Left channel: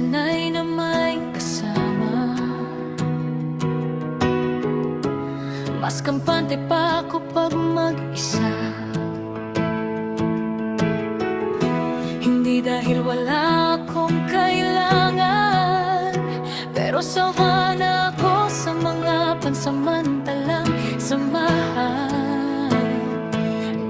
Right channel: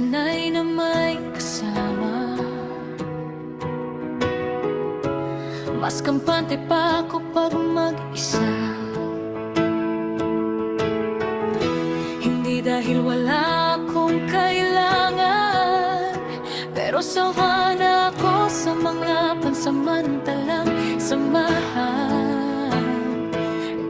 sanay na may kasama. Mas kampante pa ako pag mag-isa. Hindi dahil wala akong kailangan, pero sawa na ako sa mga pansamantalang samahan.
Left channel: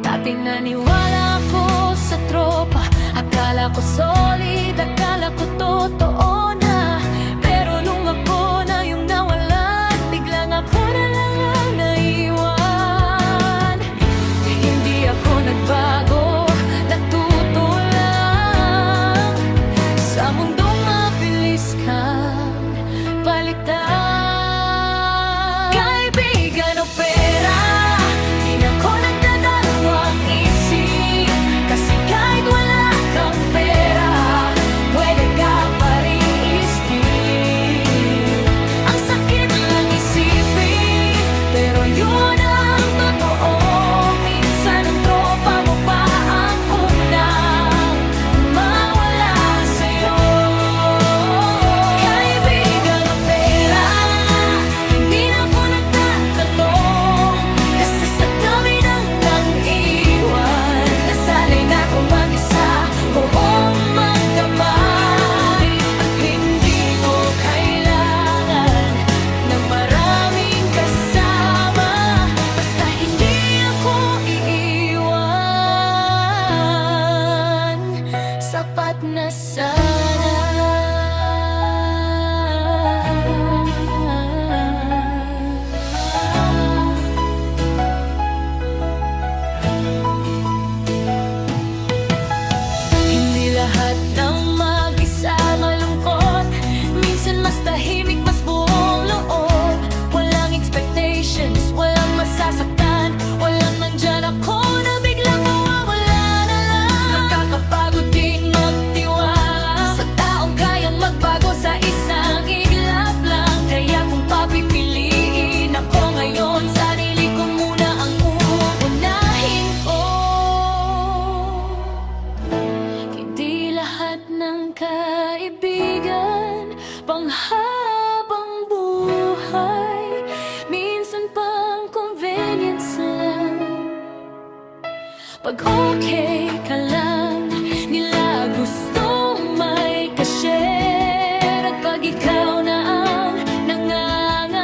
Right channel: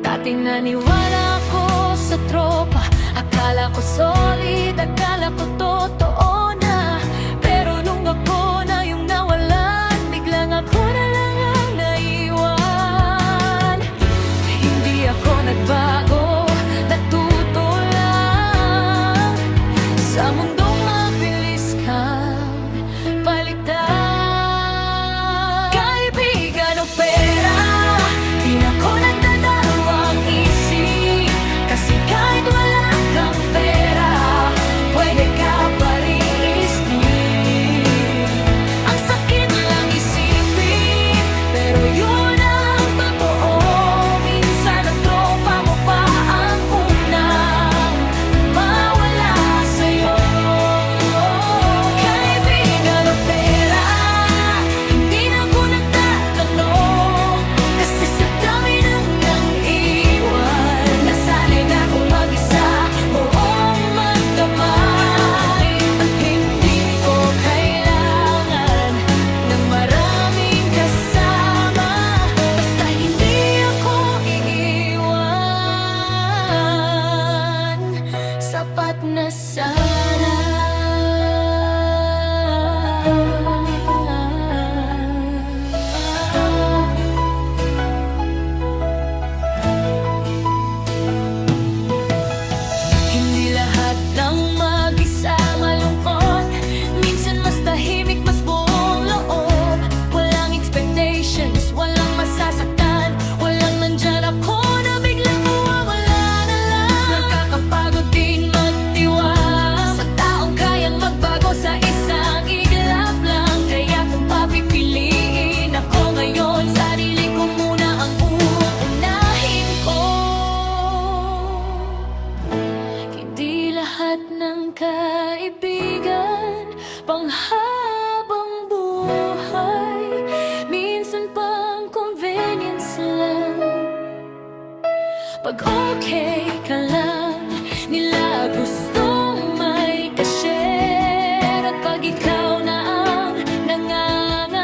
Dati naniwala ako sa tropa, akala ko solid, akala ko totoo na. Pero nung ako na yung nawalan, biglang ako na lang ang naiwan. Hindi ako nagbago, natuto lang sa mundong mabilis kang palitan. Kaibigan o pera, di na ko nagdadalawang isip. Kasi kahit wala kang pera, pwede ka pa rin i-skip. Ang sakit lang isipin, pero yun ang totoo. Minsan ang tropa mo pa ang unang mawala sa'yo. Kaibigan o pera, hindi na ko nagtatanong. Kasi sa dami nang nang-iwan, nasanay na akong mag-isa, buong magdamay. At hindi ko kailangan ng maraming kasama, basta hindi ako iiwan. Sapat na sana. Hindi lahat ng mag-isa malungkot. Minsan mas tahimik, mas buong loob. Walang expectations, walang masasaktan. Walang nandyan ako na biglang mawawala na lang. Nakakapagod din magtiwala sa taong kayang magbago sa isang iglap lang. Kaya kung papipiliin ako ngayon, sarili ko muna ang uunahin ko. Hindi lahat ng kaibigan panghabang buhay. Minsan pang convenience lang. Pag okay ka lang, nila gustong may ka-share. At pag ikaw na ang nangangailangan,